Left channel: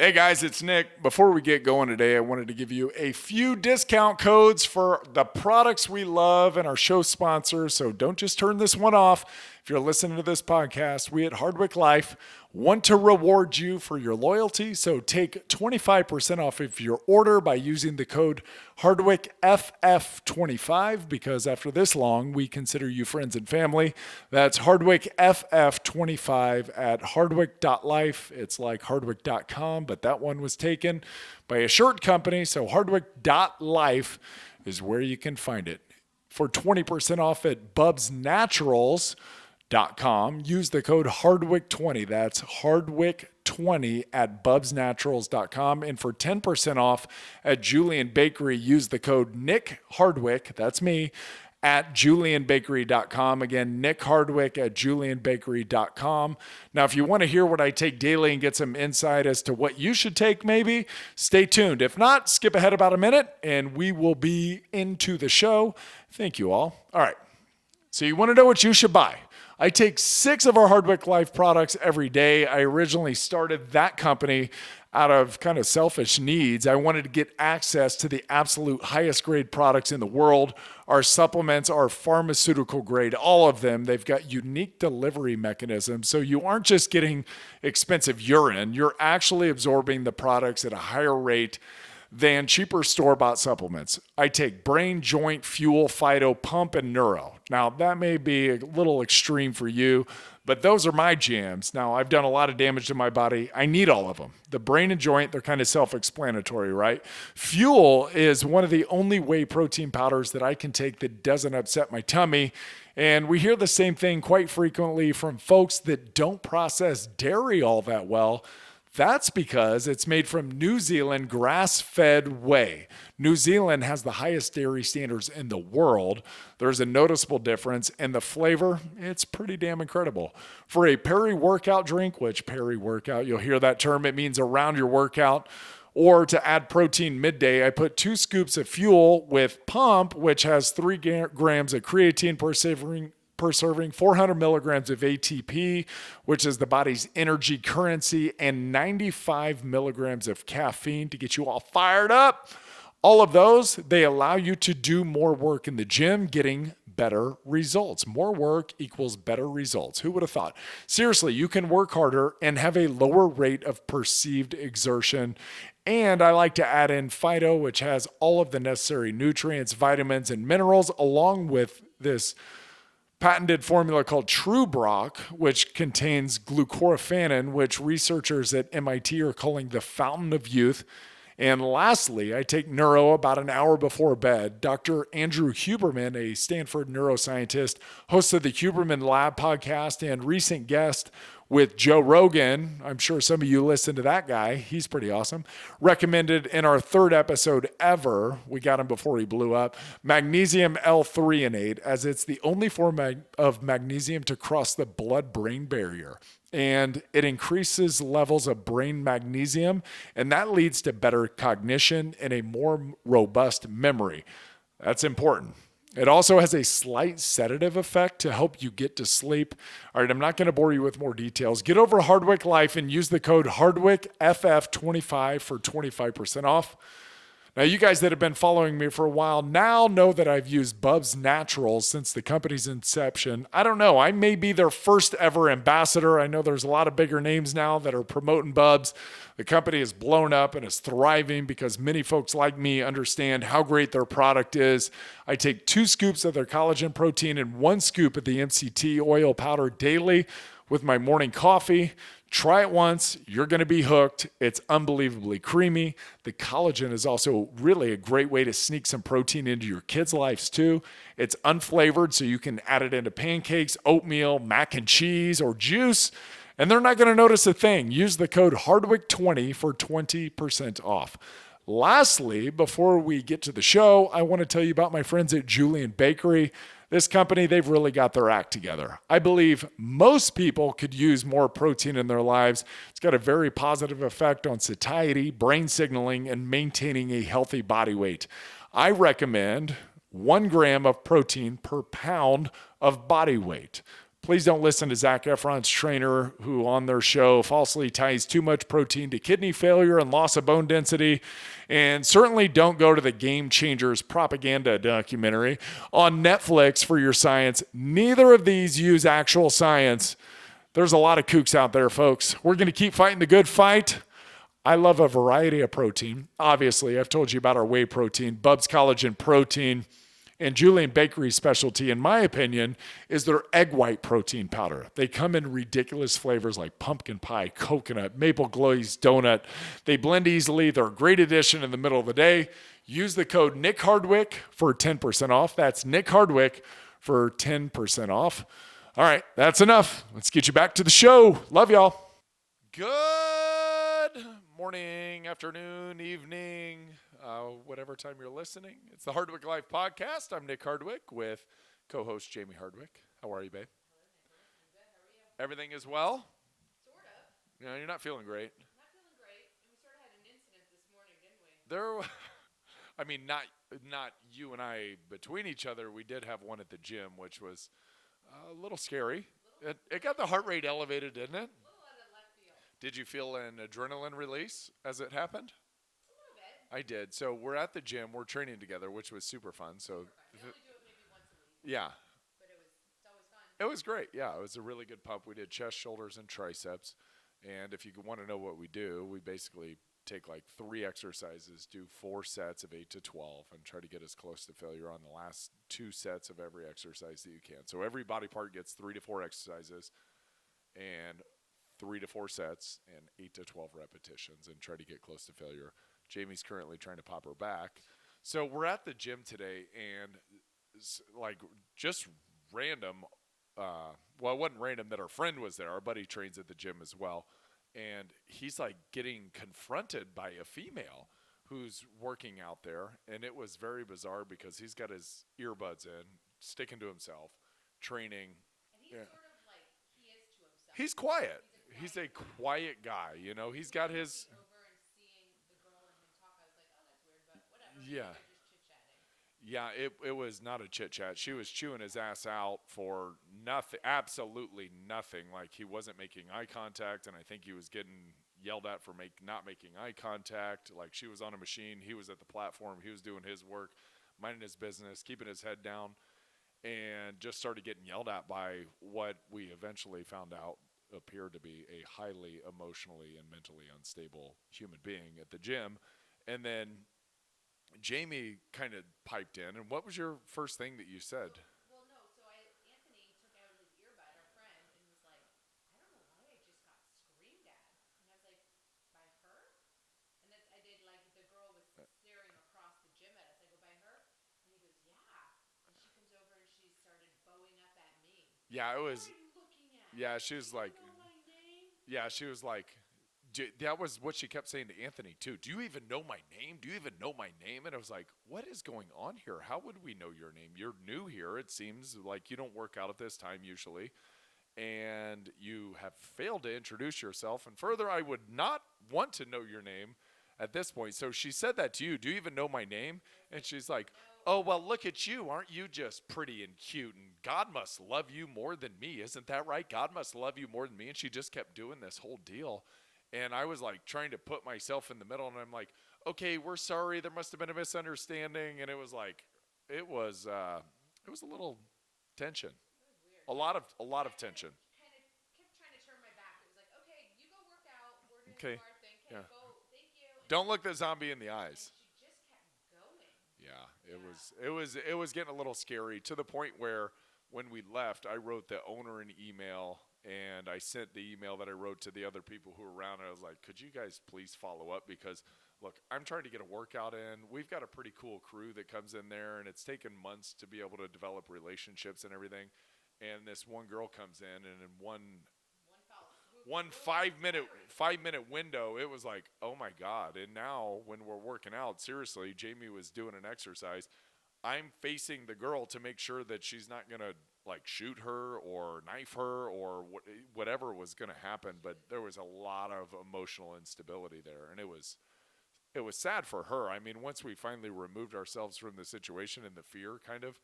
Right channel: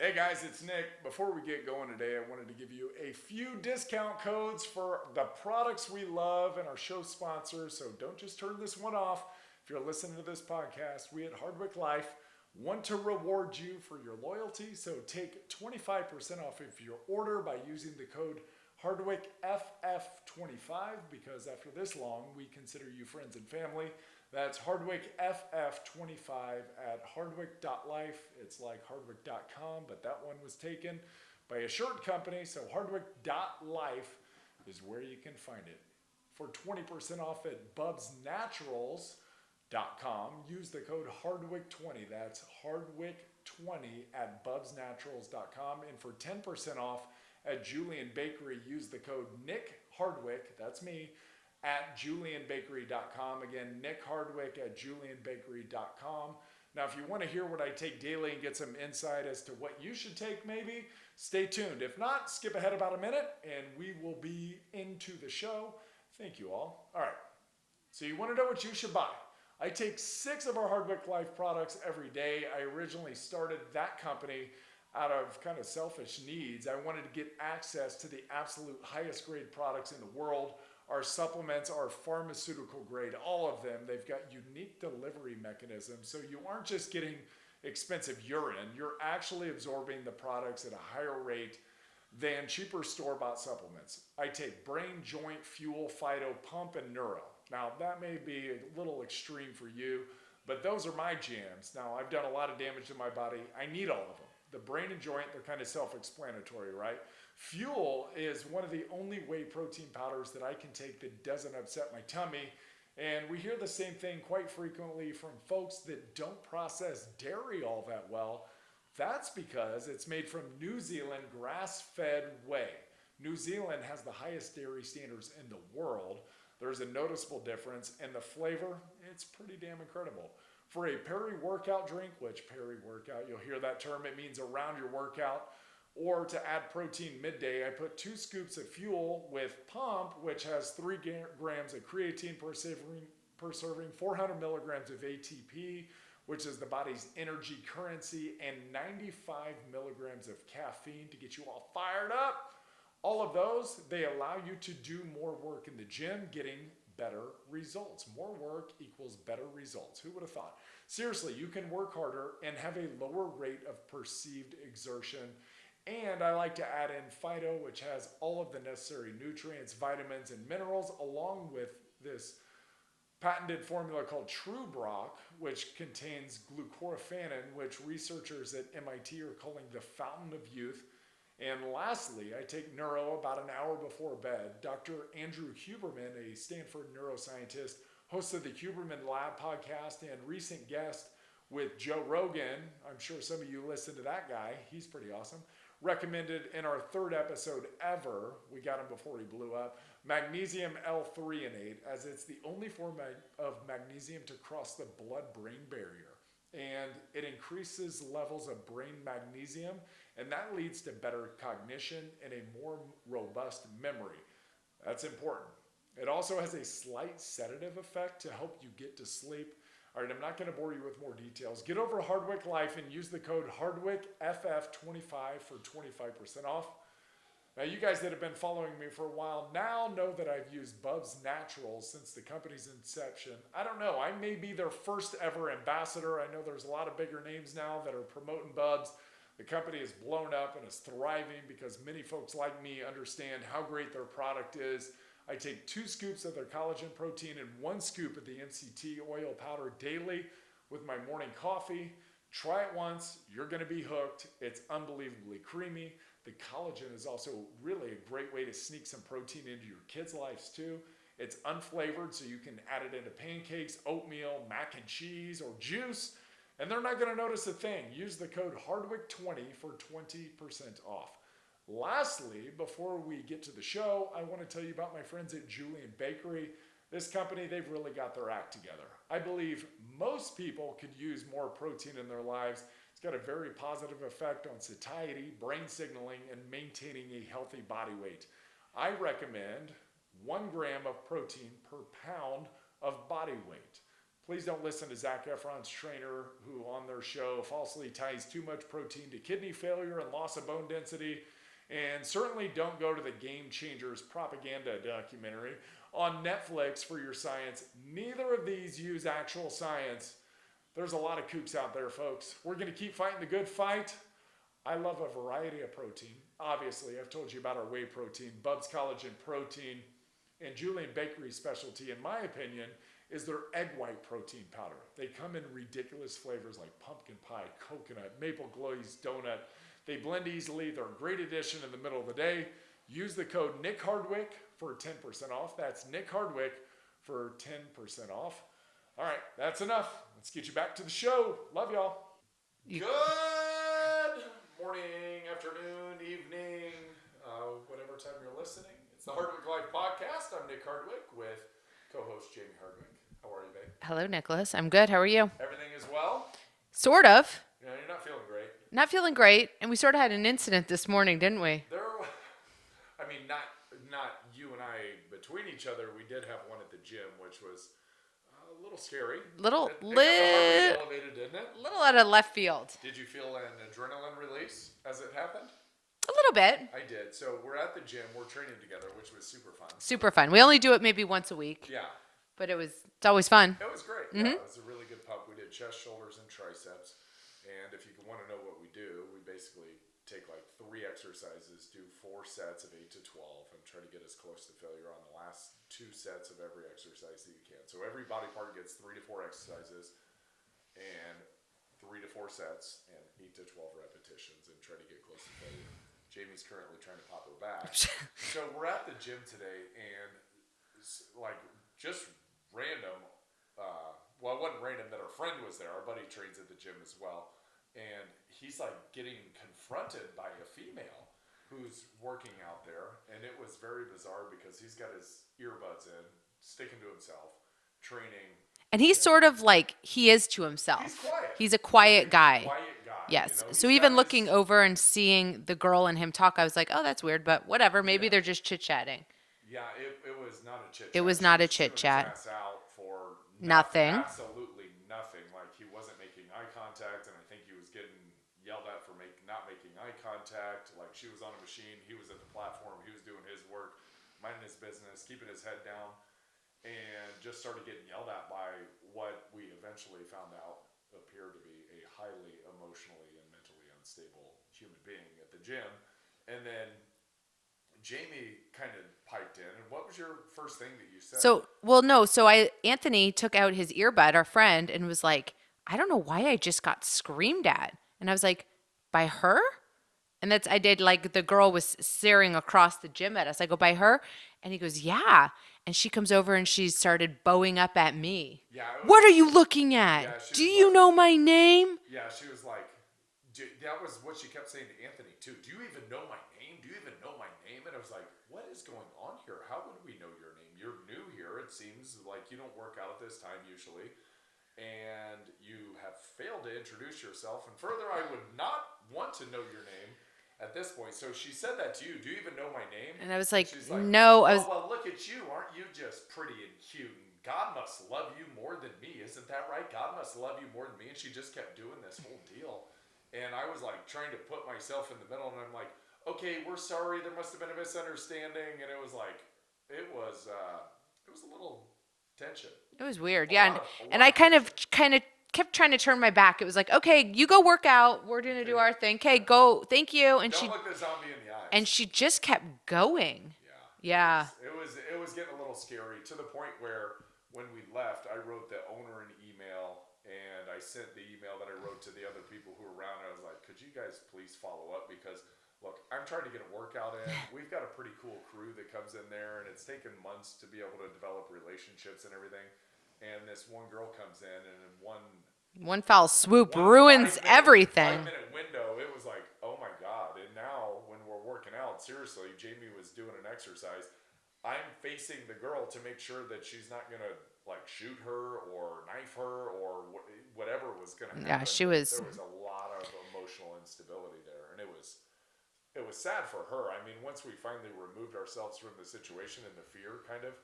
Hey guys, it's Nick. Before we get going today, I wanted to give you a few discount codes for the products we love and our show sponsors. So don't just turn this one off. If you're listening to this podcast, we at Hardwick Life want to reward you for your loyalty. So take 25% off of your order by using the code HardwickFF25, because after this long, we consider you friends and family. That's HardwickFF25 at hardwick.life. It's like hardwick.com, but that one was taken by a shirt company. So hardwick.life is where you can find it. For 20% off at bubsnaturals.com, use the code Hardwick20. That's Hardwick20 at bubsnaturals.com. And for 10% off at Julian Bakery, use the code Nick Hardwick, that's me, at julianbakery.com. Again, Nick Hardwick at julianbakery.com. Now, if you want to hear what I take daily and get some insight as to what you should take, maybe, stay tuned. If not, skip ahead about a minute and we will be into the show. Thank you all. All right. So you want to know what you should buy. I take 6 of our Hardwick Life products every day. I originally started that company out of kind of selfish needs. I wanted to get access to the absolute highest grade products in the world. Our supplements are pharmaceutical grade, all of them. They've got unique delivery mechanisms. So you aren't just getting expensive urine, you're actually absorbing the products at a higher rate than cheaper store-bought supplements. I take brain, joint, fuel, phyto, pump, and neuro. Now, that may be a little extreme for you, but those are my jams. Now, I've done a lot of damage to my body. I need all of them. The brain and joint, they're kind of self-explanatory, right? Fuel is one of the only whey protein powders that I can take that doesn't upset my tummy. And we hear the same thing quite frequently from folks that don't process dairy all that well. That's because it's made from New Zealand grass-fed whey. New Zealand has the highest dairy standards in the world. There's a noticeable difference, and the flavor, it's pretty damn incredible. For a peri-workout drink, which peri-workout, you'll hear that term, it means around your workout, or to add protein midday, I put 2 scoops of fuel with pump, which has 3 grams of creatine per serving, 400 milligrams of ATP, which is the body's energy currency, and 95 milligrams of caffeine to get you all fired up. All of those, they allow you to do more work in the gym, getting better results. More work equals better results. Who would have thought? Seriously, you can work harder and have a lower rate of perceived exertion. And I like to add in phyto, which has all of the necessary nutrients, vitamins, and minerals, along with this patented formula called True Brock, which contains glucoraphanin, which researchers at MIT are calling the fountain of youth. And lastly, I take neuro about an hour before bed. Dr. Andrew Huberman, a Stanford neuroscientist, host of the Huberman Lab podcast and recent guest with Joe Rogan. I'm sure some of you listen to that guy. He's pretty awesome. Recommended in our 3rd episode ever, we got him before he blew up, magnesium L-threonate, as it's the only form of magnesium to cross the blood-brain barrier. And it increases levels of brain magnesium, and that leads to better cognition and a more robust memory. That's important. It also has a slight sedative effect to help you get to sleep. All right, I'm not going to bore you with more details. Get over to Hardwick Life and use the code HardwickFF25 for 25% off. Now, you guys that have been following me for a while now know that I've used Bubs Naturals since the company's inception. I don't know. I may be their first ever ambassador. I know there's a lot of bigger names now that are promoting Bubs. The company is blown up and is thriving because many folks like me understand how great their product is. I take 2 scoops of their collagen protein and 1 scoop of the MCT oil powder daily with my morning coffee. Try it once, you're going to be hooked. It's unbelievably creamy. The collagen is also really a great way to sneak some protein into your kids' lives too. It's unflavored, so you can add it into pancakes, oatmeal, mac and cheese, or juice, and they're not going to notice a thing. Use the code Hardwick20 for 20% off. Lastly, before we get to the show, I want to tell you about my friends at Julian Bakery. This company, they've really got their act together. I believe most people could use more protein in their lives. It's got a very positive effect on satiety, brain signaling, and maintaining a healthy body weight. I recommend 1 gram of protein per pound of body weight. Please don't listen to Zac Efron's trainer, who on their show falsely ties too much protein to kidney failure and loss of bone density. And certainly don't go to the Game Changers propaganda documentary on Netflix for your science. Neither of these use actual science. There's a lot of kooks out there, folks. We're going to keep fighting the good fight. I love a variety of protein. Obviously, I've told you about our whey protein, Bubs Collagen Protein, and Julian Bakery's specialty, in my opinion, is their egg white protein powder. They come in ridiculous flavors like pumpkin pie, coconut, maple glazed donut. They blend easily. They're a great addition in the middle of the day. Use the code Nick Hardwick for 10% off. That's Nick Hardwick for 10% off. All right, that's enough. Let's get you back to the show. Love y'all. Good morning, afternoon, evening, whatever time you're listening. It's the Hardwick Life Podcast. I'm Nick Hardwick with co-host Jamie Hardwick. How are you, babe? Hello, Nicholas. I'm good. How are you? Everything is well? Sort of. No, you're not feeling great. Not feeling great. And we sort of had an incident this morning, didn't we? Not you and I between each other. We did have one at the gym, which was a little scary. It got the heart rate elevated, didn't it? A little out of left field. Did you feel an adrenaline release as it happened? A little bit. I did. So we're at the gym. We're training together, which was super fun. Super fun. We only do it maybe once a week. Yeah. But it's always fun. It was great. Mm-hmm. Yeah, it was a really good pump. We did chest, shoulders, and triceps. And if you want to know what we do, we basically take like 3 exercises, do 4 sets of 8 to 12, and try to get as close to failure on the last 2 sets of every exercise that you can. So every body part gets 3 to 4 exercises and 3 to 4 sets and 8 to 12 repetitions, and try to get close to failure. Jamie's currently trying to pop her back. So we're at the gym today, and like just random, well, it wasn't random that our friend was there. Our buddy trains at the gym as well. And he's like getting confronted by a female who's working out there. And it was very bizarre because he's got his earbuds in, sticking to himself, training. And he's sort of like he is to himself. He's quiet. He's a quiet guy. Quiet guy. Yes. You know? So even looking over and seeing the girl and him talk, I was like, oh, that's weird, but whatever. Maybe they're just chit-chatting. Yeah, it was not a chit-chat. It was not a chit-chat. His ass out for nothing. Absolutely nothing. Like, he wasn't making eye contact, and I think he was getting yelled at for not making eye contact. Like, she was on a machine. He was at the platform. He was doing his work, minding his business, keeping his head down, and just started getting yelled at by what we eventually found out appeared to be a highly emotionally and mentally unstable human being at the gym. And then Jamie kind of piped in, and what was your first thing that you said? Anthony took out his earbud, our friend, and was like, I don't know why I just got screamed at. And I was like, by her? And I did, like, the girl was staring across the gym at us. I go, by her? And he goes, yeah. And she comes over and she started bowing up at me. Yeah. What are you looking at? Yeah, do you know my name? Yeah, she was like, that was what she kept saying to Anthony, too. Do you even know my name? Do you even know my name? And I was like, what is going on here? How would we know your name? You're new here. It seems like you don't work out at this time usually. And you have failed to introduce yourself. And further, I would not want to know your name at this point. So she said that to you. Do you even know my name? And I was like, she's like, no. Well, look at you. Aren't you just pretty and cute? And God must love you more than me. Isn't that right? God must love you more than me. And she just kept doing this whole deal. And I was like trying to put myself in the middle, and I'm like, okay, we're sorry. There must have been a misunderstanding. And it was like, it was a little tension. It was weird. And I kind of kept trying to turn my back. It was like, okay, you go work out. We're going to do our thing. Okay, go. Thank you. And don't look the zombie in the eyes. And she just kept going. Yeah. It was getting a little scary to the point where when we left, I wrote the owner an email. And I sent the email that I wrote to the other people who were around. And I was like, could you guys please follow up? Because, look, I'm trying to get a workout in. We've got a pretty cool crew that comes in there. And it's taken months to be able to develop relationships and everything. And this one girl comes in, and in one foul swoop ruins everything. 5-minute window, it was like, oh, my God. And now when we're working out, seriously, Jamie was doing an exercise. I'm facing the girl to make sure that she's not going to like shoot her or knife her or whatever was going to happen. Yeah, there was a lot of emotional instability there, and it was sad for her. I mean, once we finally removed ourselves from the situation and the fear kind of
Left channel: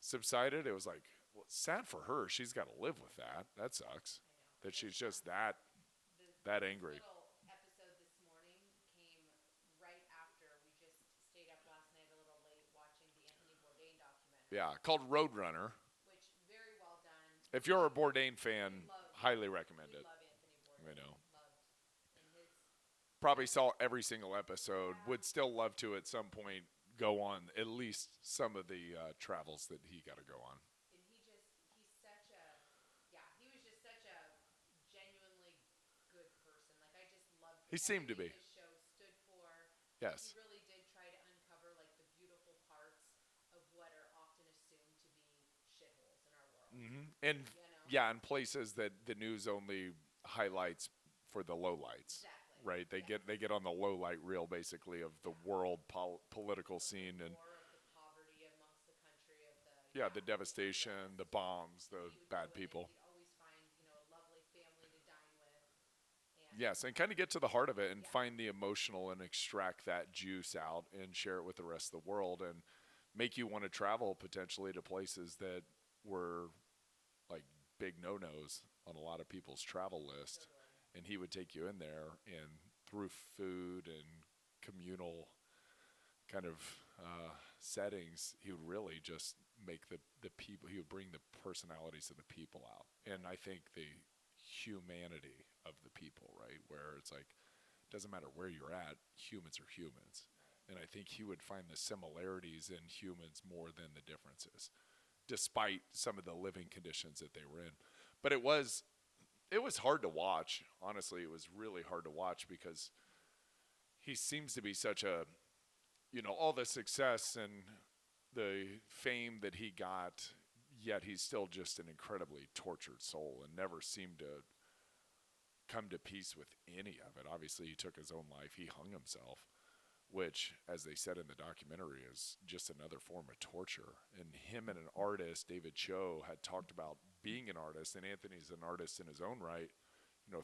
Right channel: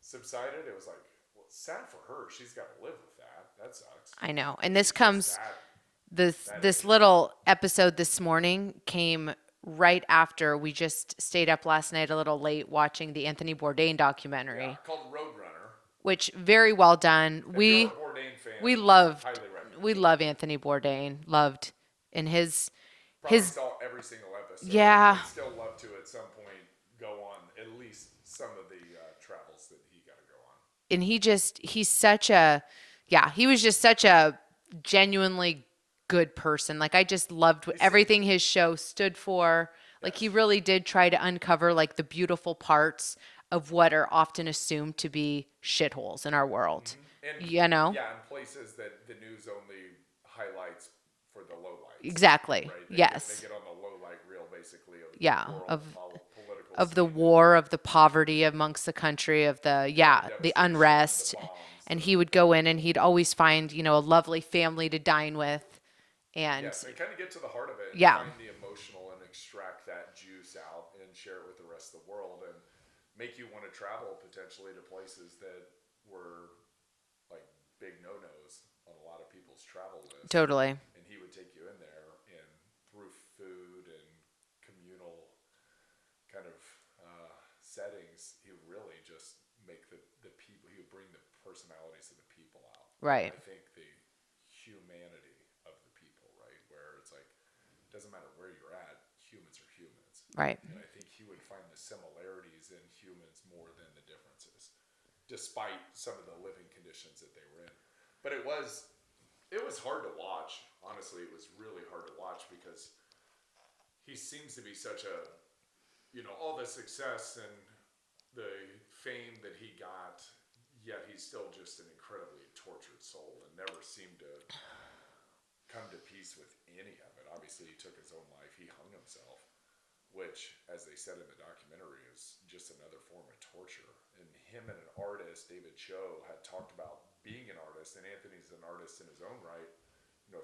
subsided, it was like, sad for her. She's got to live with that. That sucks. I know. And this She's just comes this that this angry. little episode this morning came right after we just stayed up last night a little late watching the Anthony Bourdain documentary, Yeah, called Roadrunner. which very well done. If you're a Bourdain fan, highly recommend. We love Anthony Bourdain. Loved in his Probably saw every single episode. Yeah. Would still love to at some point go on at least some of the travels that he got to go on. and he's such a he was just such a genuinely good person. Like I just loved everything his show stood for. Like he really did try to uncover like the beautiful parts of what are often assumed to be shitholes in our world. And you know? Yeah, and places that the news only highlights for the lowlights. Exactly. Right? They Yes. They get on the lowlight reel basically of Yeah, the world political of the scene war, of the poverty amongst the country, of the the the devastation, unrest. the bombs, And the- he would go in and he'd always find, a lovely family to dine with. And Yeah, so you kind of get to the heart of it and Yeah. find the emotional and extract that juice out and share it with the rest of the world and make you want to travel potentially to places that were like big no-nos on a lot of people's travel lists. totally. And he would take you in there and through food and communal kind of settings, he would really just make the people, he would bring the personalities of the people out. Right. And I think the humanity of the people, right? Where it's like, it doesn't matter where you're at, humans are humans. Right. And I think he would find the similarities in humans more than the differences, despite some of the living conditions that they were in. But it was hard to watch. Honestly, it was really hard to watch because he seems to be such a, all the success and the fame that he got, yet he's still just an incredibly tortured soul and never seemed to come to peace with any of it. Obviously, he took his own life. He hung himself, which, as they said in the documentary, is just another form of torture. And him and an artist, David Cho, had talked about being an artist, and Anthony's an artist in his own right,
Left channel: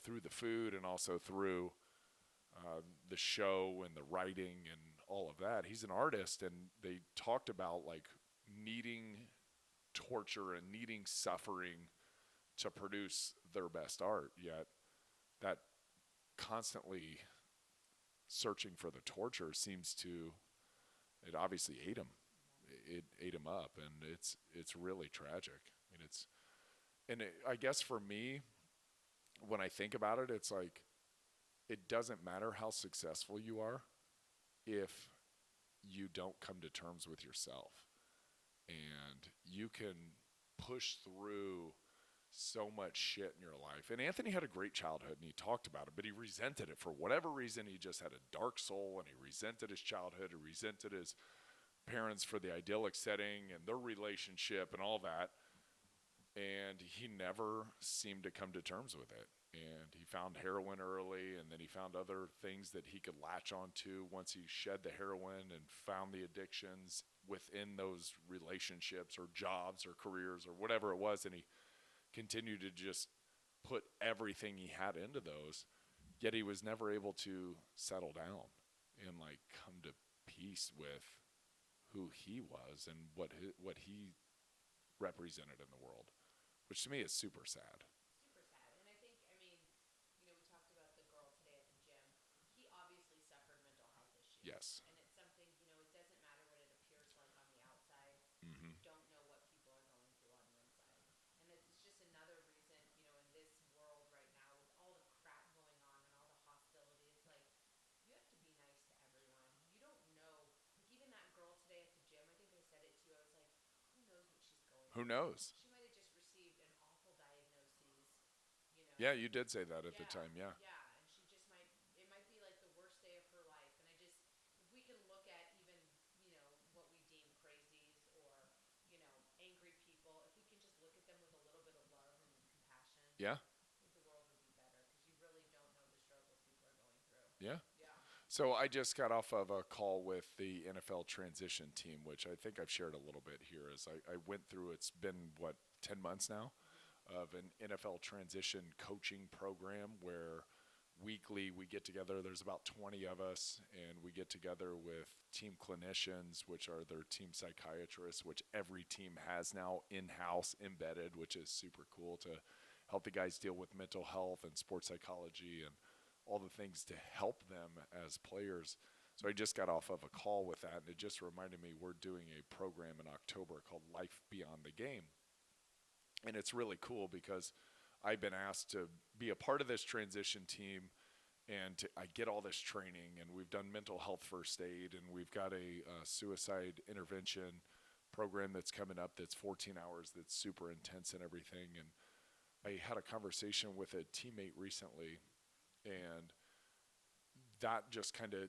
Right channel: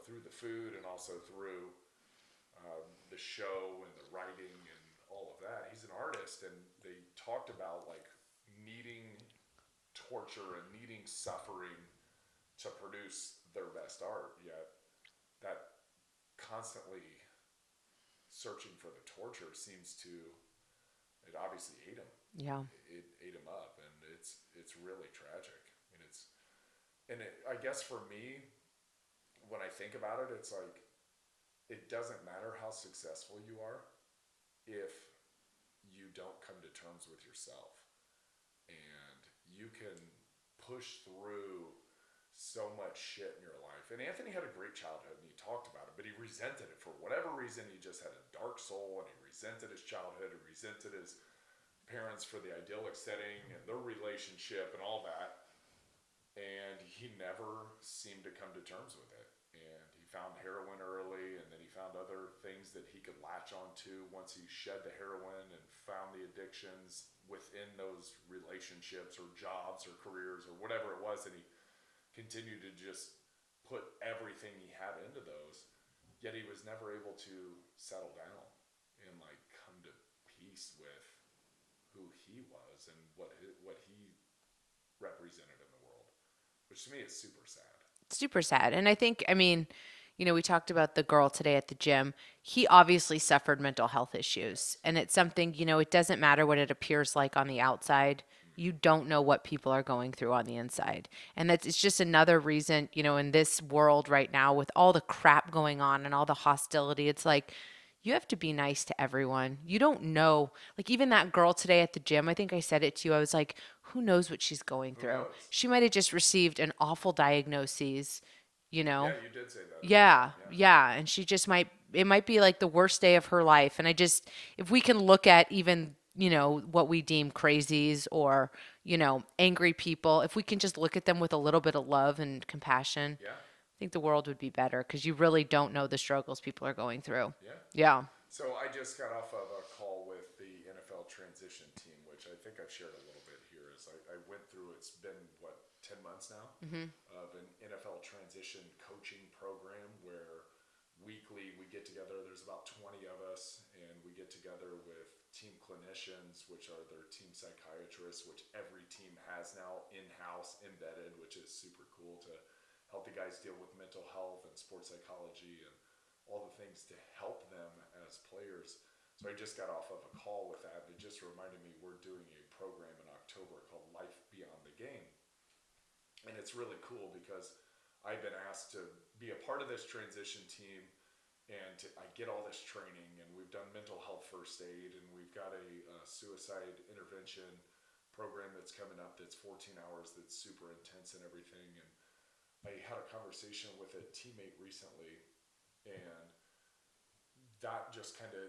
through the food and also through the show and the writing and all of that. He's an artist, and they talked about like needing torture and needing suffering to produce their best art, yet that constantly searching for the torture seems to, it obviously ate him. Yeah. It ate him up, and it's really tragic. I mean, I guess for me, when I think about it, it's like, it doesn't matter how successful you are if you don't come to terms with yourself. And you can push through so much shit in your life. And Anthony had a great childhood, and he talked about it, but he resented it for whatever reason. He just had a dark soul, and he resented his childhood, he resented his parents for the idyllic setting and their relationship and all that. And he never seemed to come to terms with it. And he found heroin early, and then he found other things that he could latch onto once he shed the heroin and found the addictions within those relationships or jobs or careers or whatever it was. And he continued to just put everything he had into those, yet he was never able to settle down and like come to peace with who he was and what he represented in the world, which to me is super sad. Super sad. And I think, we talked about the girl today at the gym. He obviously suffered mental health issues. And it's something, it doesn't matter what it appears like on the outside. You don't know what people are going through on the inside. And it's just another reason, in this world right now with all the crap going on and all the hostility, it's like, you have to be nice to everyone. You don't know. Like even that girl today at the gym, I think I said it to you. I was like, who knows what she's going through? Knows? She might have just received an awful diagnosis, Yeah, you did say that. Yeah. And she just it might be like the worst day of her life. And if we can look at even, what we deem crazies or, angry people, if we can just look at them with a little bit of love and compassion, Yeah. I think the world would be better because you really don't know the struggles people are going through. Yeah. Yeah. So I just got off of a call with the NFL transition team, which I think I've shared a little bit here. As I went through, it's been 10 months now of an NFL transition coaching program where weekly we get together. There's about 20 of us, and we get together with team clinicians, which are their team psychiatrists, which every team has now in-house embedded, which is super cool to help the guys deal with mental health and sports psychology and all the things to help them as players. So I just got off of a call with that, and it just reminded me we're doing a program in October called Life Beyond the Game. And it's really cool because I've been asked to be a part of this transition team, and I get all this training, and we've done mental health first aid, and we've got a suicide intervention program that's coming up that's 14 hours, that's super intense and everything. And I had a conversation with a teammate recently, and that just kind of,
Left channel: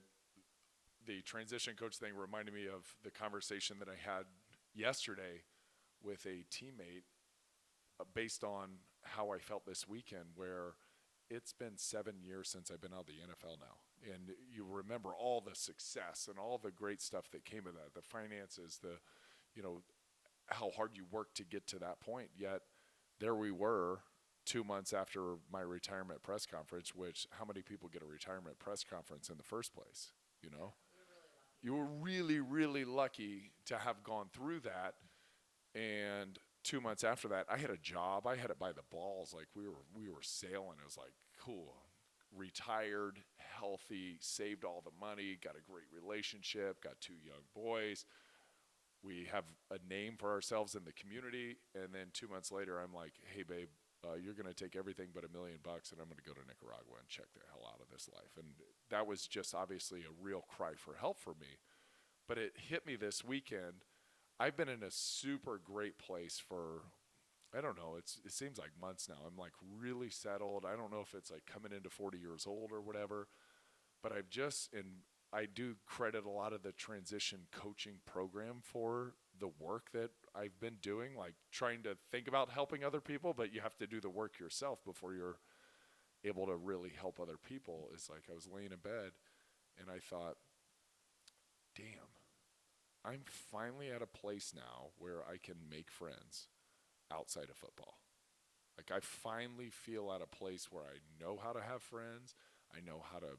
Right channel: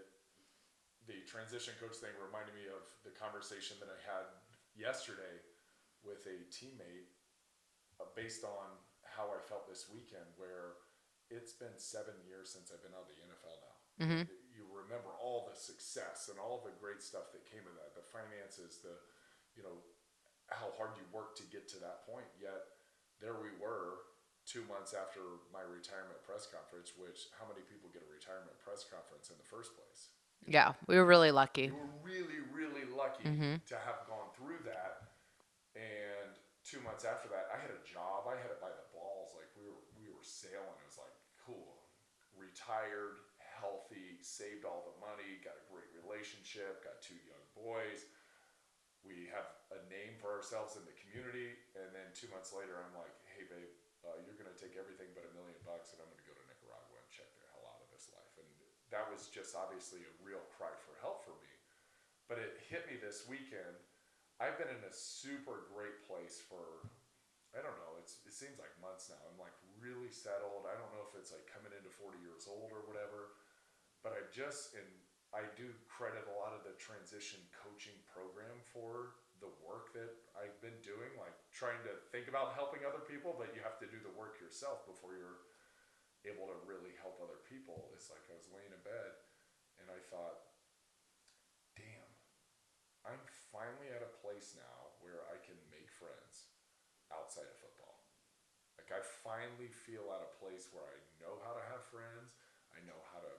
the transition coach thing reminded me of the conversation that I had yesterday with a teammate based on how I felt this weekend, where it's been 7 years since I've been out of the NFL now. And you remember all the success and all the great stuff that came of that, the finances, the, how hard you worked to get to that point. Yet there we were 2 months after my retirement press conference, which how many people get a retirement press conference in the first place? Yeah, we were really lucky. You were really, really lucky to have gone through that. And 2 months after that, I had a job. I had it by the balls. Like we were sailing. It was like, cool, retired, healthy, saved all the money, got a great relationship, got 2 young boys. We have a name for ourselves in the community. And then 2 months later, I'm like, hey, babe, you're going to take everything but $1 million and I'm going to go to Nicaragua and check the hell out of this life. And that was just obviously a real cry for help for me. But it hit me this weekend. I've been in a super great place for, I don't know, it seems like months now. I'm like really settled. I don't know if it's like coming into 40 years old or whatever, but I do credit a lot of the transition coaching program for the work that I've been doing, like trying to think about helping other people, but you have to do the work yourself before you're able to really help other people. It's like I was laying in bed and I thought, damn, I'm finally at a place now where I can make friends outside of football. Like I finally feel at a place where I know how to have friends. I know how to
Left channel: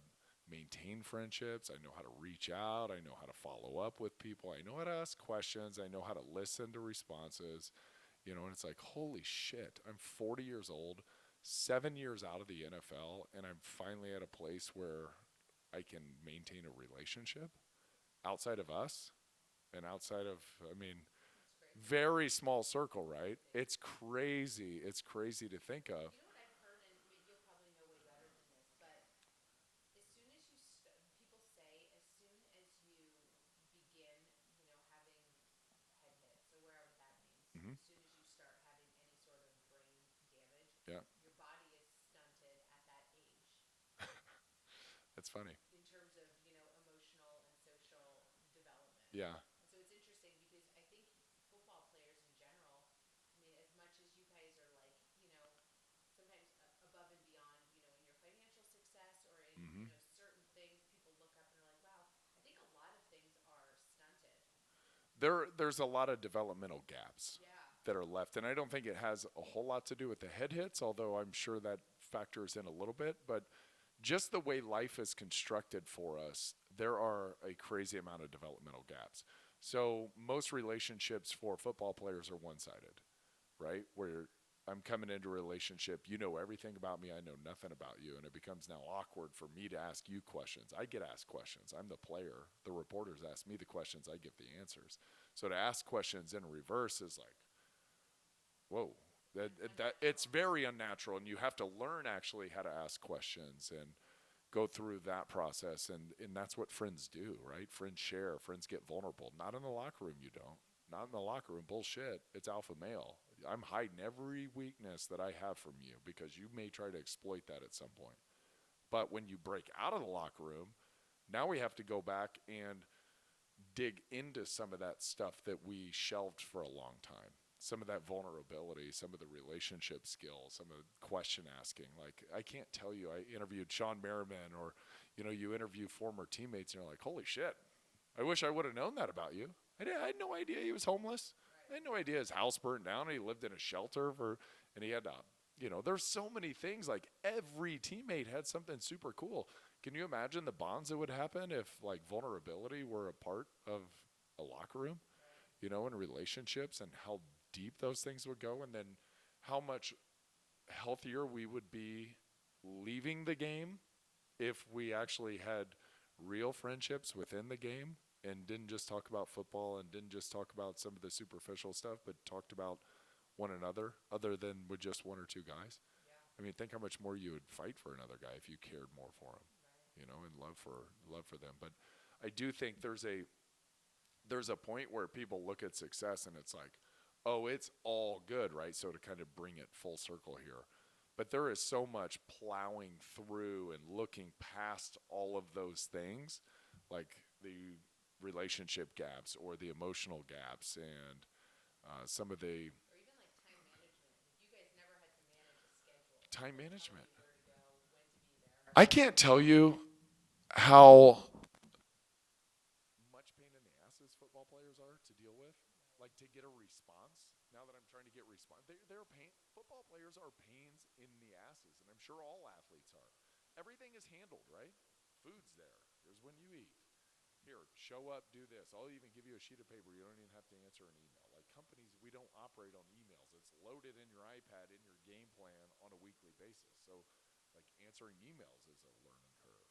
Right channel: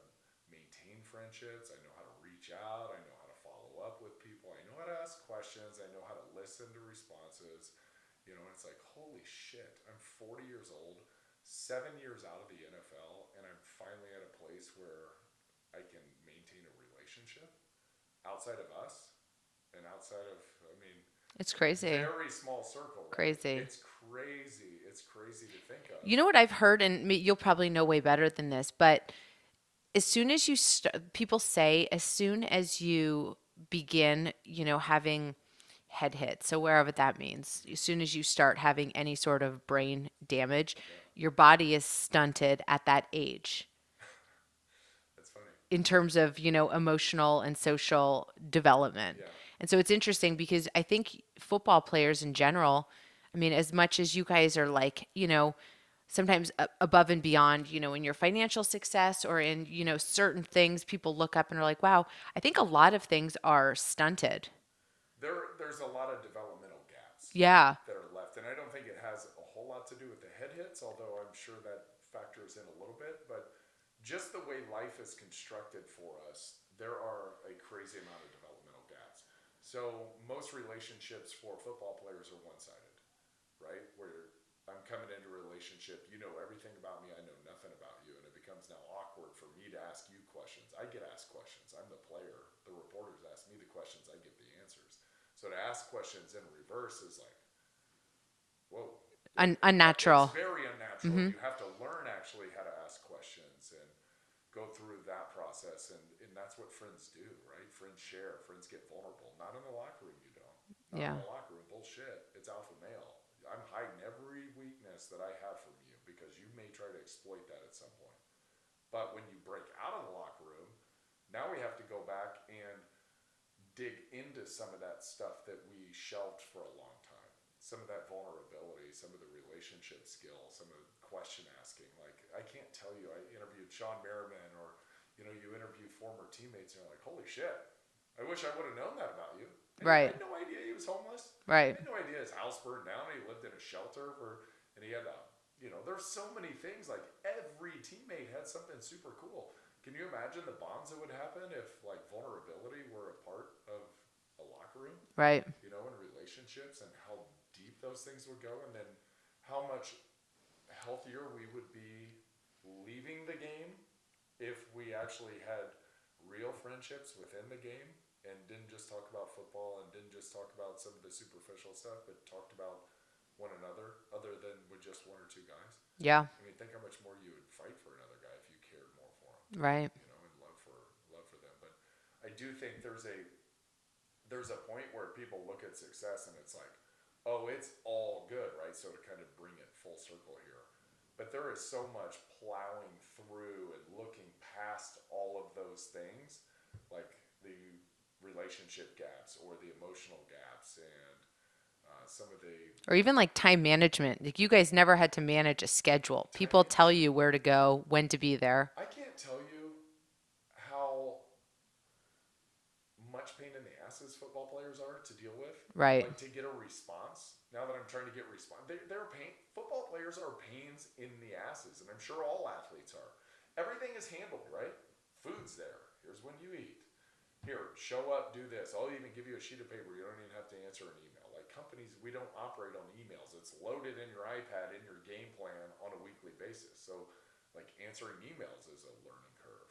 maintain friendships. I know how to reach out. I know how to follow up with people. I know how to ask questions. I know how to listen to responses. And it's like, holy shit, I'm 40 years old, 7 years out of the NFL, and I'm finally at a place where I can maintain a relationship outside of us. And outside of, it's crazy. Very small circle, right? Crazy. It's crazy. It's crazy to think of. You know what I've heard, and you'll probably know way better than this, but as soon as you people say, as soon as you begin, having head hits, so wherever that means, as soon as you start having any sort of brain damage, your body is stunted at that age. That's funny. In terms of, emotional and social development. Yeah. And so it's interesting because I think football players in general, as much as you guys are like, sometimes above and beyond, in your financial success or in, certain things, people look up and are like, wow, I think a lot of things are stunted. There's a lot of developmental gaps that are left. And I don't think it has a whole lot to do with the head hits, although I'm sure that factors in a little bit. But just the way life is constructed for us, there are a crazy amount of developmental gaps. So most relationships for football players are one-sided, right? Where I'm coming into a relationship, you know everything about me, I know nothing about you, and it becomes now awkward for me to ask you questions. I get asked questions. I'm the player. The reporters ask me the questions. I get the answers. So to ask questions in reverse is like, whoa. Unnatural. It's very unnatural. You have to learn actually how to ask questions and go through that process. And that's what friends do, right? Friends share. Friends get vulnerable. Not in the locker room, you don't. Not in the locker room. Bullshit. It's alpha male. I'm hiding every weakness that I have from you because you may try to exploit that at some point. But when you break out of the locker room, now we have to go back and dig into some of that stuff that we shelved for a long time. Some of that vulnerability, some of the relationship skills, some of the question asking. Like, I can't tell you, I interviewed Sean Merriman or, you interview former teammates and you're like, holy shit, I wish I would have known that about you. I had no idea he was homeless. Right. I had no idea his house burned down. He lived in a shelter and he had There's so many things. Like every teammate had something super cool. Can you imagine the bonds that would happen if like vulnerability were a part of a locker room, Right. and relationships, and how deep those things would go, and then how much healthier we would be leaving the game if we actually had real friendships within the game and didn't just talk about football and didn't just talk about some of the superficial stuff, but talked about one another other than with just one or two guys. Yeah. I mean, think how much more you would fight for another guy if you cared more for him, Right. and love for them. But I do think there's a point where people look at success and it's like, oh, it's all good, right? So to kind of bring it full circle here. But there is so much plowing through and looking past all of those things, like the relationship gaps or the emotional gaps and some of the Or even like time management. Like you guys never had to manage a schedule. time People tell management. you where to go, when to be there. I can't tell you how much pain in the asses football players are to deal with. Right. Like to get a response. Now that I'm trying to get response, they're pain. Football players are pains in the asses, and I'm sure all athletes are. Everything is handled, right? Food's there. Here's when you eat. Here, show up, do this. I'll even give you a sheet of paper. You don't even have to answer an email. Like companies, we don't operate on emails. It's loaded in your iPad in your game plan on a weekly basis. So, like answering emails is a learning curve.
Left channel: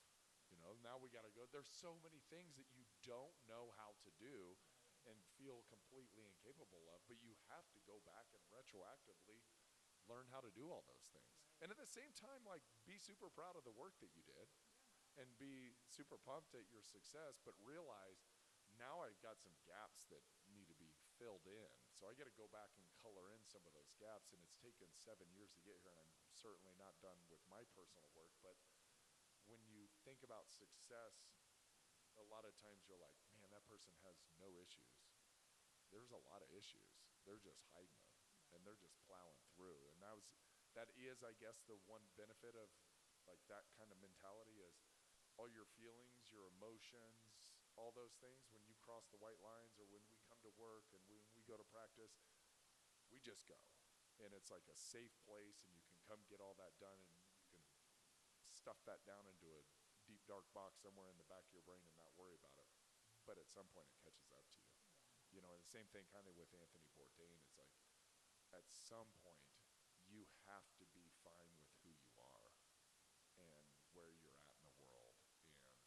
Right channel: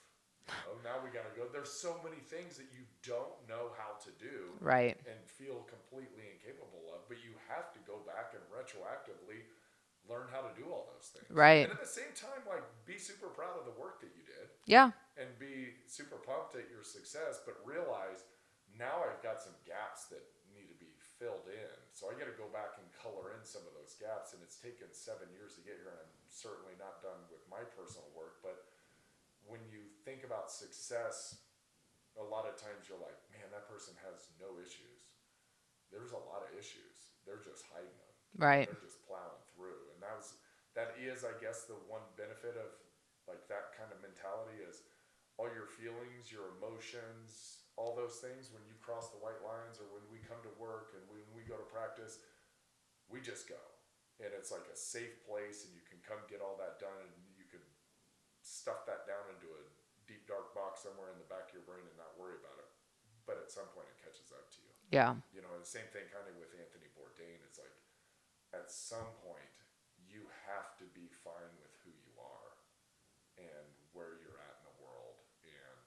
Now we got to go. There's so many things that you don't know how to do Right. and feel completely incapable of, but you have to go back and retroactively learn how to do all those things. Right. And at the same time, like be super proud of the work that you did Yeah. and be super pumped at your success, but realize now I've got some gaps that need to be filled in. So I got to go back and color in some of those gaps. And it's taken 7 years to get here. And I'm certainly not done with my personal work, but when you think about success, a lot of times you're like, man, that person has no issues. There's a lot of issues. They're just hiding them. Right. They're just plowing through. And that is, I guess, the one benefit of like that kind of mentality is all your feelings, your emotions, all those things when you cross the white lines or when we come to work and when we go to practice, we just go. And it's like a safe place and you can come get all that done and you can stuff that down into a deep dark box somewhere in the back of your brain and not worry about it. But at some point it catches up to you. Yeah. The same thing kind of with Anthony Bourdain. It's like at some point you have to be fine with who you are and where you're at in the world. And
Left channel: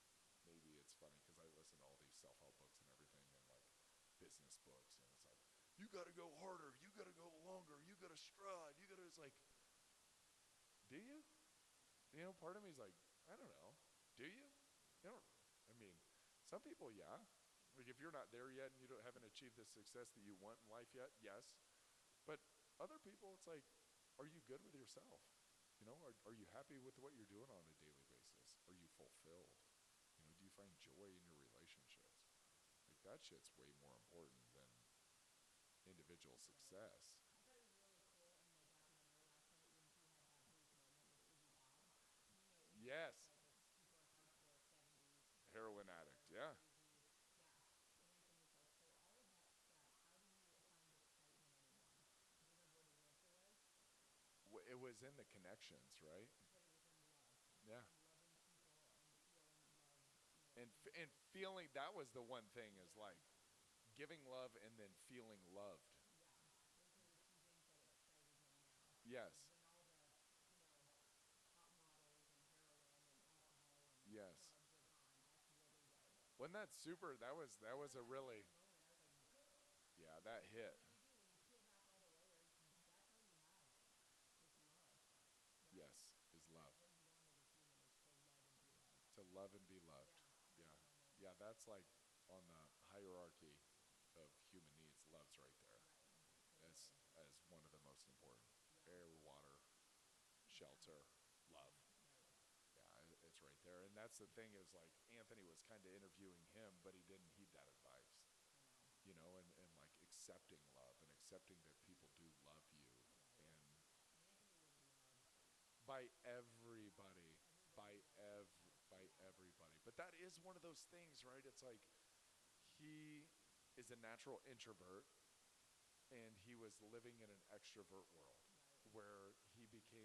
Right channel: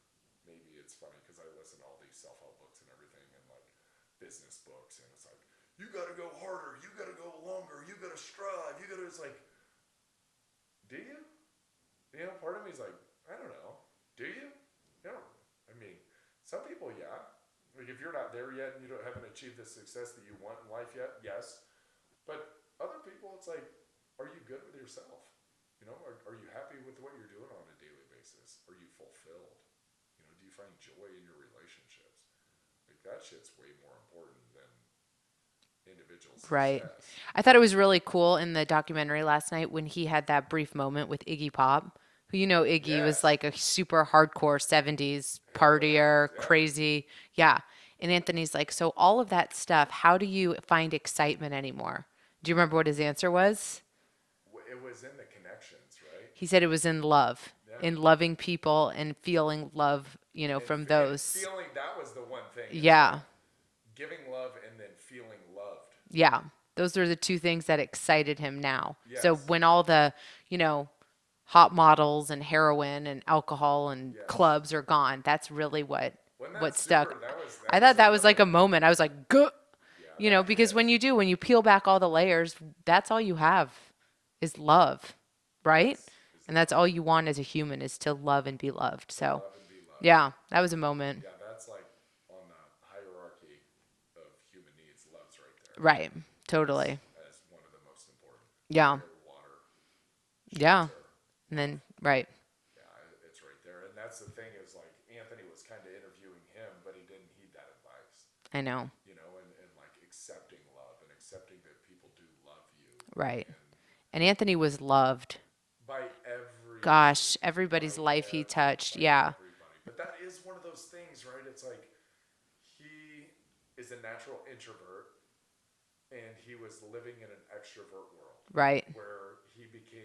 maybe it's funny because I listen to all these self-help books and everything and like business books, and it's like, you got to go harder, you got to go longer, you got to strive, you got to, it's like, do you? Part of me is like, I don't know. Do you? I mean, some people, yeah. Like if you're not there yet and you haven't achieved the success that you want in life yet, yes. But other people, it's like, are you good with yourself? Are you happy with what you're doing on a daily basis? Are you fulfilled? Do you find joy in your relationships? Like that shit's way more important than individual Right. success. I thought it was really cool in the documentary last night when he had that brief moment with Iggy Pop, who Iggy was Yes. like a super hardcore 70s partier, Yeah. crazy. Yeah. And Anthony's like, so all of that stuff, how do you find excitement anymore? Do you remember what his answer was? It was in the connections, right? He said it was in love, Yeah. in loving people and feeling love, from And those. feeling, that was the one thing. It's Yeah. like giving love and then feeling loved. Yeah. Those are the two things that excited him now. So Yes. when all the, hot models and heroin and alcohol and Yes. clubs are gone, that's really what Wasn't that what stuck. super? I thought that was like a moment. I was like, "Good." Yeah, Because when you peel back all the layers, that's all you have is love, right? And that's all you want as a human is to love and be loved. So, love and be loved. yeah, that was a moment. Yeah, that's like on the hierarchy of human needs. Love's right there. Right. Totally. As one of the most important. Yeah. Air, water, Yeah. shelter. And then, right. Yeah, it's right there. And that's the thing is like Anthony was kind of interviewing him, but he didn't heed that advice. I know. And like accepting love and accepting that people do love you. Right. And Anthony was loved. By every. Gosh, everybody's life he touched. Yeah. Everybody. But that is one of those things, right? It's like he is a natural introvert and he was living in an extrovert world Right. where he became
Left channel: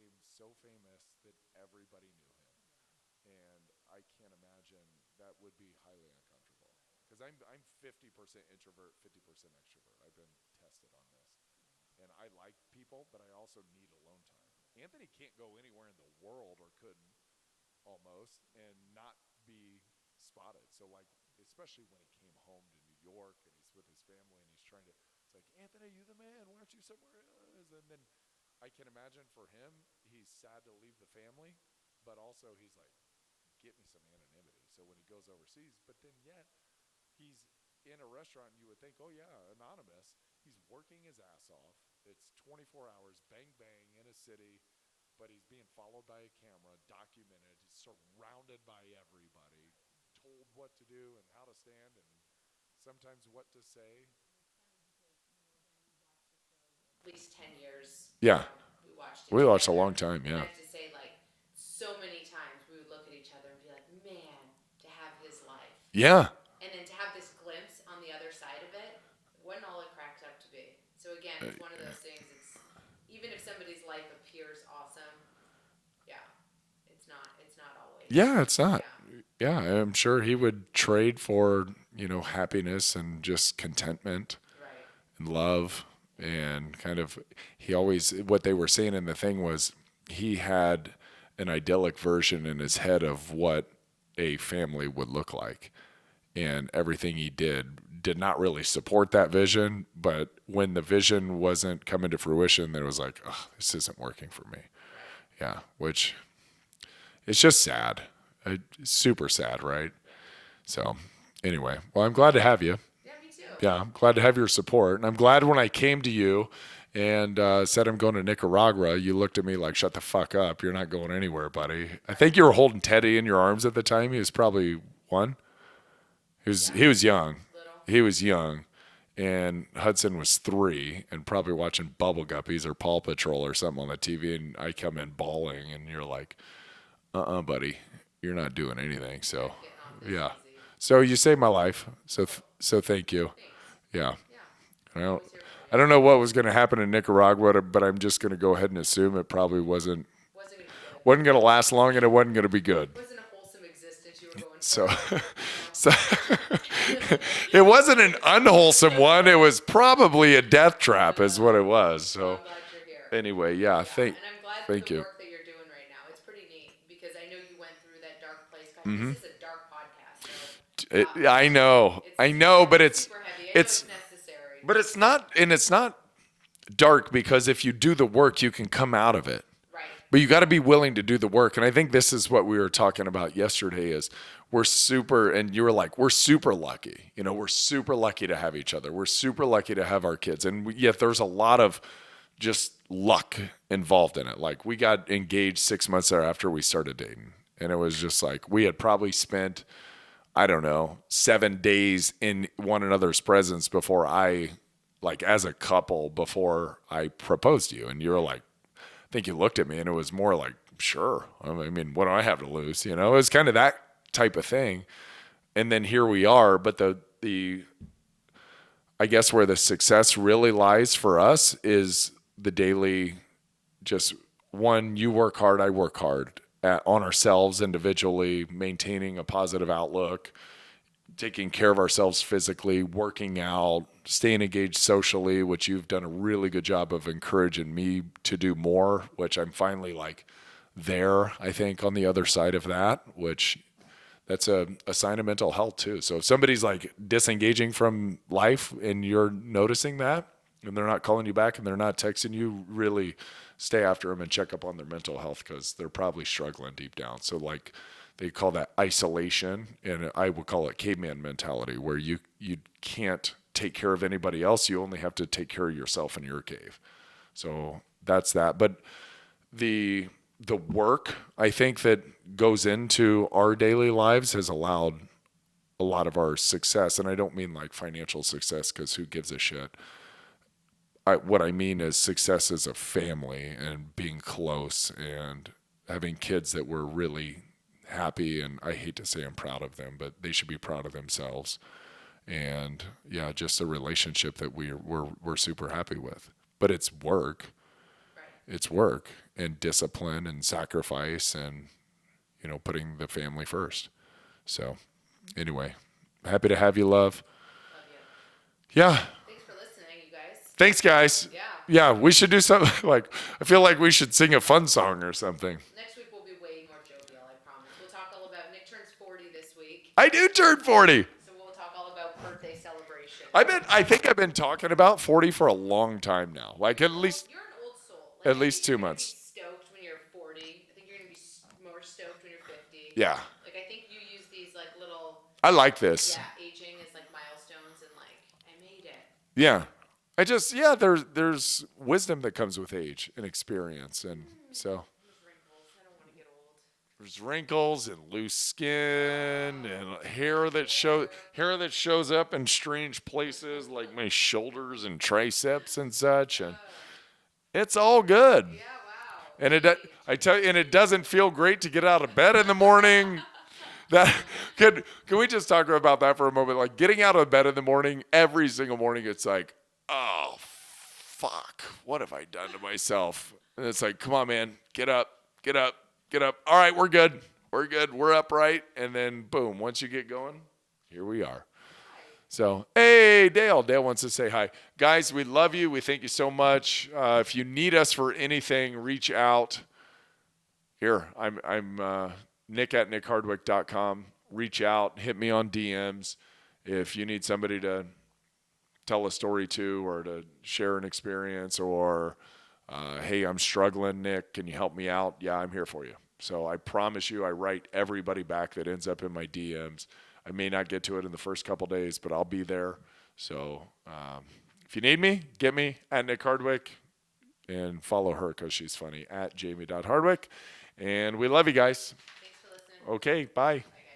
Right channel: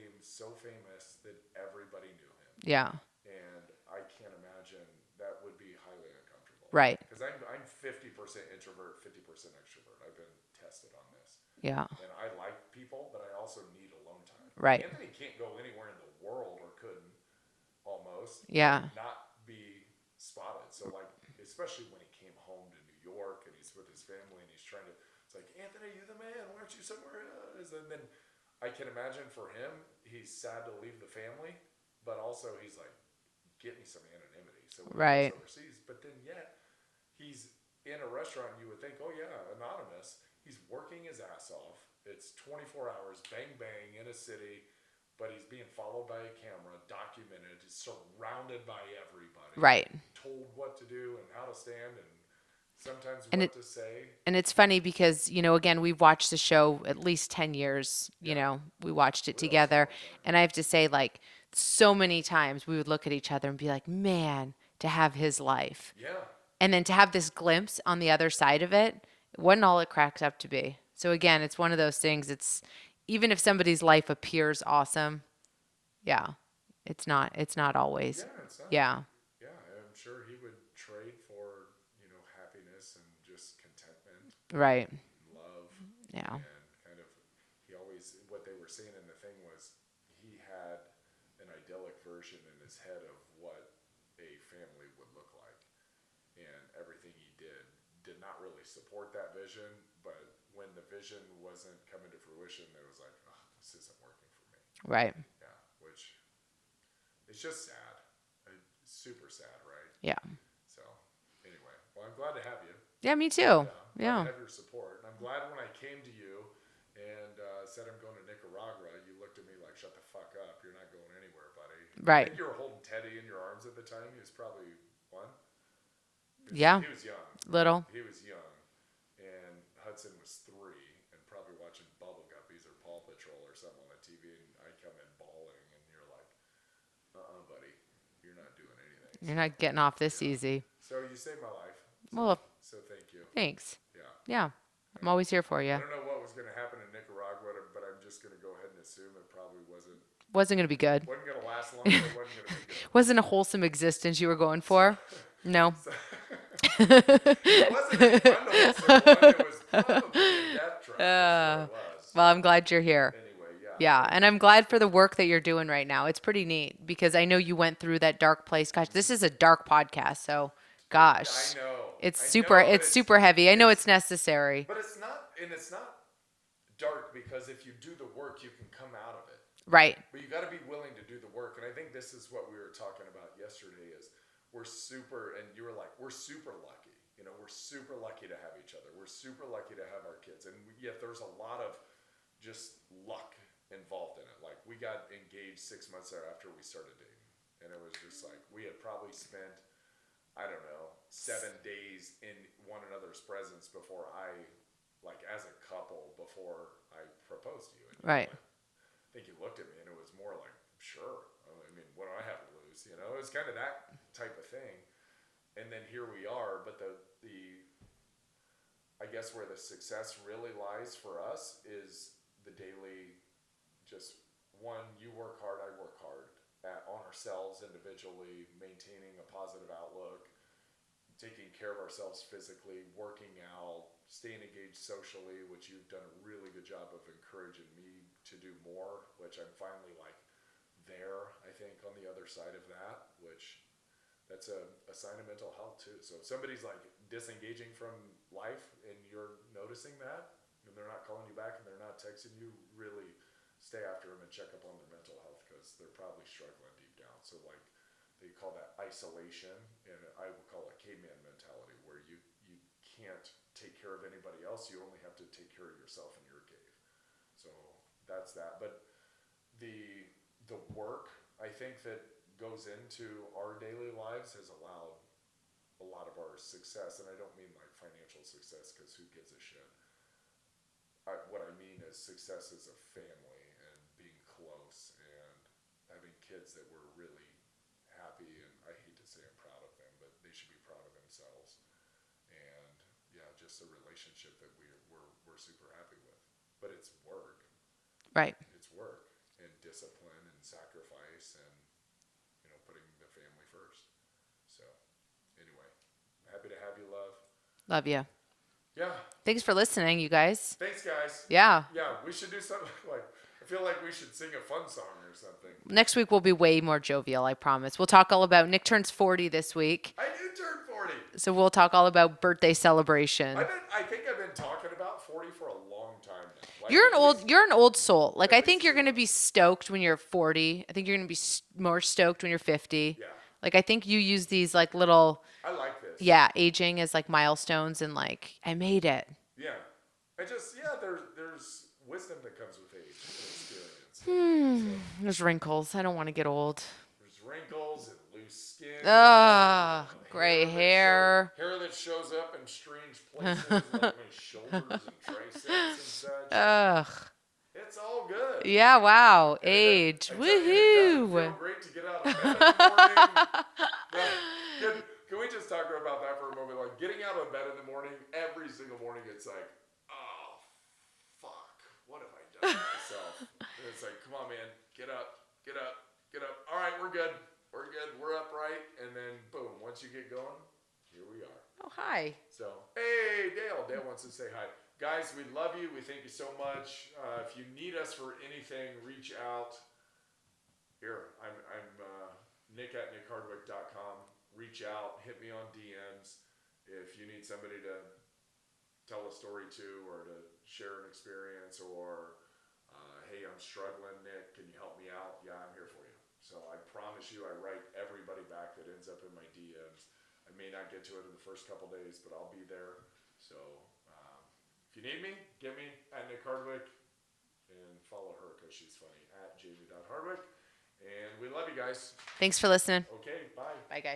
Yeah. And I can't imagine that would be highly uncomfortable. Right. Because I'm 50% introvert, 50% extrovert. I've been tested on this. Yeah. And I like people, but I also need alone time. Right. Anthony can't go anywhere in the world, or couldn't, almost, Yeah. and not be spotted. So, like, especially when he came home to New York and he's with his family and he's trying to, it's like, Anthony, you the man. Why aren't you somewhere else? And then I can imagine for him, he's sad to leave the family, but also he's like, get me some anonymity. So when he Right. goes overseas, but then yet he's in a restaurant and you would think, oh yeah, anonymous. He's working his ass off. It's 24 hours, bang bang in a city, but he's being followed by a camera, documented, surrounded by everybody, Right. told what to do and how to stand and sometimes And what to say. And it's funny because, again, we've watched the show at least 10 years. Yeah. We watched it We watched together. a long time, And yeah. I have to say, like, so many times we would look at each other and be like, man, to have his life. Yeah. And then to have this glimpse on the other side of it wasn't all it cracks up to be. So again, it's one of those things. It's even if somebody's life appears awesome, yeah, it's not always. Yeah, it's not. Yeah. Yeah, I'm sure he would trade for, happiness and just contentment Right. and love. Yeah. And kind of, what they were saying in the thing was he had an idyllic version in his head of what a family would look like. And everything he did not really support that vision. But when the vision wasn't coming to fruition, then it was like, oh, this isn't working for me. Right. Yeah, which it's just sad. Super sad, right? Yeah. So anyway, well, I'm glad to have you. Yeah, me too. Yeah, I'm glad to have your support. And I'm glad when I came to you and said I'm going to Nicaragua, you looked at me like, shut the fuck up. You're not going anywhere, buddy. I Right. think you were holding Teddy in your arms at the time. He was probably one. He was young. Little. He was young. And Hudson was 3 and probably watching Bubble Guppies or Paw Patrol or something on the TV. And I come in bawling and you're like, buddy, you're not doing anything. You're not getting off this easy. So you saved my life. So Well, so thank you. Thanks. Yeah. Yeah. I'm Well, always here for you. I don't know what was going to happen in Nicaragua, but I'm just going to go ahead and assume it probably wasn't Wasn't going to be good. going to last long and it wasn't going to be good. Wasn't a wholesome existence you were going for. No. It wasn't an unwholesome one. It was probably a death trap is what it was. So Well, I'm glad you're here. anyway, yeah. Yeah, and I'm glad for the thank you. work that you're doing right now. It's pretty neat because I know you went through that dark place. Gosh, this is a dark podcast, so gosh. I know. It's I super, know, but it's super heavy. I know it's- it's necessary. But it's not dark because if you do the work, you can come out of it. Right. But you got to be willing to do the work. And I think this is what we were talking about yesterday is and you were like, we're super lucky. We're super lucky to have each other. We're super lucky to have our kids. And yet there's a lot of just luck involved in it. Like we got engaged 6 months after we started dating. And it was just like, we had probably spent, I don't know, 7 days in one another's presence before as a couple, before I proposed to you. And you were Right. like, I think you looked at me and it was more like, sure. I mean, what do I have to lose? It was kind of that type of thing. And then here we are. But I guess where the success really lies for us is the daily, just one, you work hard, I work hard on ourselves individually, maintaining a positive outlook, taking care of ourselves physically, working out, staying engaged socially, which you've done a really good job of encouraging me to do more, which I'm finally there, I think, on the other side of that, which that's a sign of mental health too. So if somebody's disengaging from life and you're noticing that and they're not calling you back and they're not texting you, really stay after them and check up on their mental health because they're probably struggling deep down. So they call that isolation, and I would call it caveman mentality, where you can't take care of anybody else. You only have to take care of yourself in your cave. So that's that. But the work, I think, that goes into our daily lives has allowed a lot of our success. And I don't mean financial success because who gives a shit. What I mean is success as a family and being close and having kids that we're really happy, and I hate to say I'm proud of them, but they should be proud of themselves. And yeah, just a relationship that we're super happy with. But it's work. Right. It's work and discipline and sacrifice, and putting the family first. So anyway, happy to have you, love. Love you. Yeah. Thanks for listening, you guys. Thanks, guys. Yeah. Yeah, we should do something I feel like we should sing a fun song or something. Next week will be way more jovial, I promise. We'll talk all about Nick turns 40 this week. I do turn 40. So we'll talk all about birthday celebration. I think I've been talking about 40 for a long time now. Like you're an old soul. Like at I least think you're 2 going to be months. stoked when you're 40. I think you're going to be more stoked when you're 50. Yeah. Like I think you use these like little I like this. aging as like milestones and like I made it. Yeah. There's wisdom that comes with age and experience. And so There's wrinkles. I don't want to get old. there's wrinkles and loose skin Ugh, and gray hair. hair that shows up in strange places like my shoulders and triceps and such. Ugh. It's all good. Yeah, wow. And Age. I tell you, and it doesn't Woo-hoo. feel great to get out of bed in the morning. Can we just talk about that for a moment? Like getting out of bed in the morning, every single morning, it's like, oh, fuck, what have I done to myself? And it's like, come on, man, get up, get up, get up. All right, we're good. We're good. We're upright. And then boom, once you get going, here we are. Oh, hi. So, hey, Dale. Dale wants to say hi. Guys, we love you. We thank you so much. If you need us for anything, reach out. Here, I'm Nick at nickhardwick.com. Reach out. Hit me on DMs. If you need somebody to tell a story to or to share an experience or, hey, I'm struggling, Nick. Can you help me out? Yeah, I'm here for you. So I promise you I write everybody back that ends up in my DMs. I may not get to it in the first couple days, but I'll be there. So if you need me, get me at Nick Hardwick and follow her because she's funny at jamie.hardwick. And we love you guys. Thanks for listening. Okay, bye. Bye, guys.